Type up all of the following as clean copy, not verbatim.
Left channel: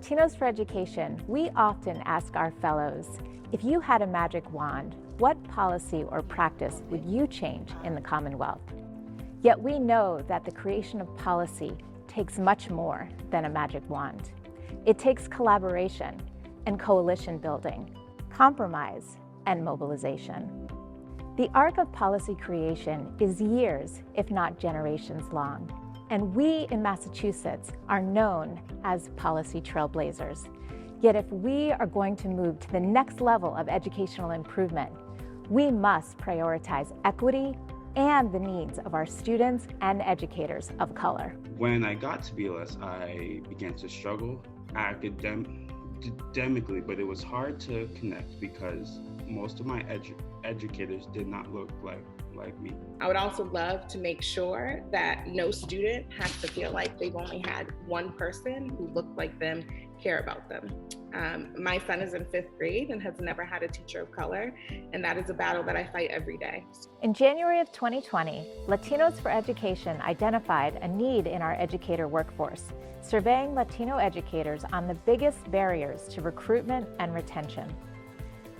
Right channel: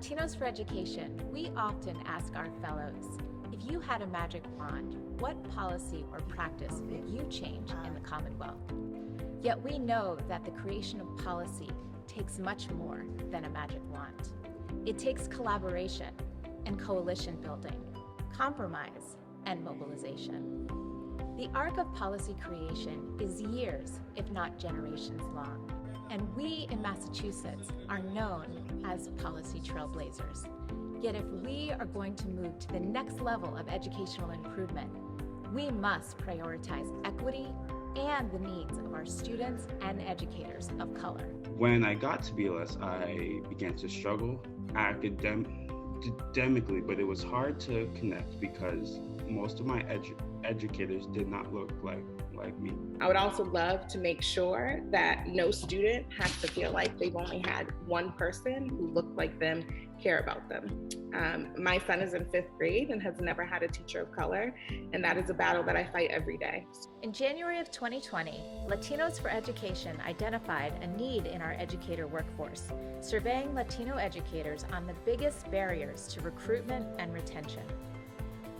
Latinos for Education, we often ask our fellows, if you had a magic wand, what policy or practice would you change in the Commonwealth? Yet we know that the creation of policy takes much more than a magic wand. It takes collaboration and coalition building, compromise and mobilization. The arc of policy creation is years, if not generations long. And we in Massachusetts are known as policy trailblazers. Yet if we are going to move to the next level of educational improvement, we must prioritize equity and the needs of our students and educators of color. When I got to BLS, I began to struggle academically, but it was hard to connect because most of my educators did not look like me. I would also love to make sure that no student has to feel like they've only had one person who looked like them care about them. My son is in 5th grade and has never had a teacher of color, and that is a battle that I fight every day. In January of 2020, Latinos for Education identified a need in our educator workforce, surveying Latino educators on the biggest barriers to recruitment and retention.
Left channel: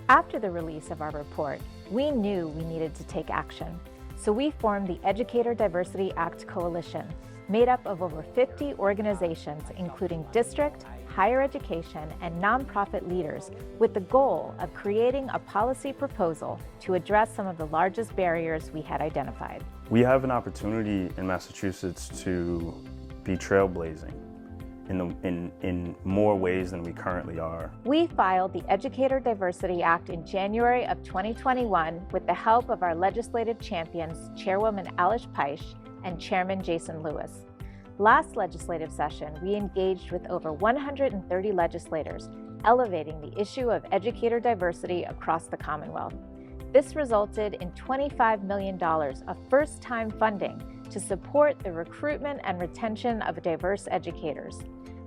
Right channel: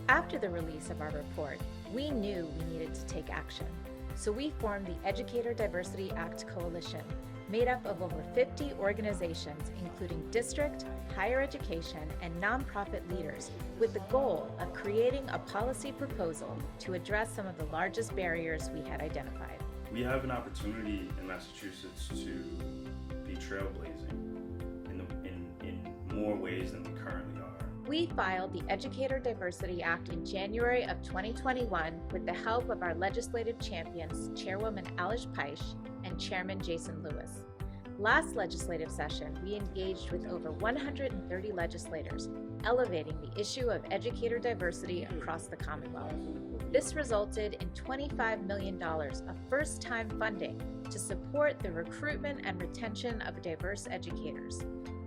After the release of our report, we knew we needed to take action. So we formed the Educator Diversity Act Coalition, made up of over 50 organizations, including district, higher education, and nonprofit leaders, with the goal of creating a policy proposal to address some of the largest barriers we had identified. We have an opportunity in Massachusetts to be trailblazing in more ways than we currently are. We filed the Educator Diversity Act in January of 2021 with the help of our legislative champions, Chairwoman Alice Peisch and Chairman Jason Lewis. Last legislative session, we engaged with over 130 legislators, elevating the issue of educator diversity across the Commonwealth. This resulted in $25 million of first-time funding to support the recruitment and retention of diverse educators.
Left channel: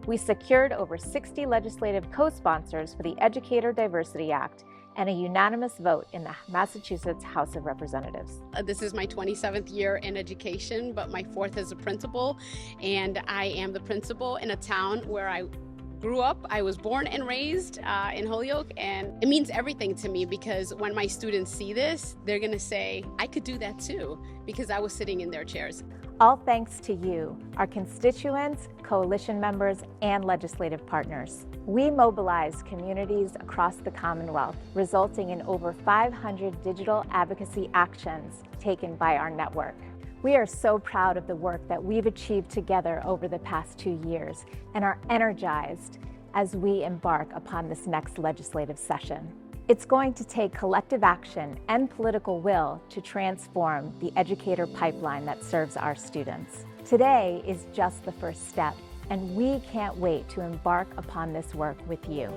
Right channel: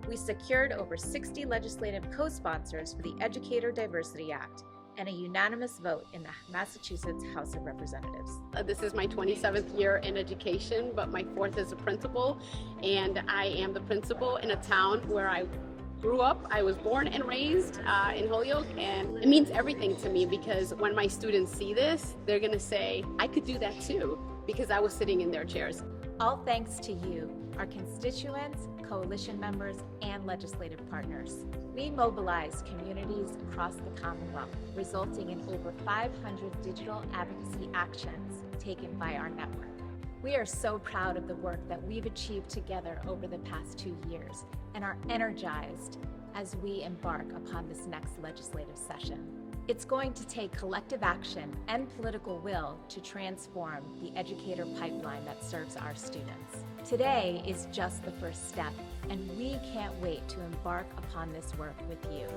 We secured over 60 legislative co-sponsors for the Educator Diversity Act and a unanimous vote in the Massachusetts House of Representatives. This is my 27th year in education, but my 4th as a principal, and I am the principal in a town where I grew up. I was born and raised in Holyoke, and it means everything to me because when my students see this, they're gonna say, I could do that too, because I was sitting in their chairs. All thanks to you, our constituents, coalition members, and legislative partners. We mobilized communities across the Commonwealth, resulting in over 500 digital advocacy actions taken by our network. We are so proud of the work that we've achieved together over the past 2 years and are energized as we embark upon this next legislative session. It's going to take collective action and political will to transform the educator pipeline that serves our students. Today is just the first step, and we can't wait to embark upon this work with you.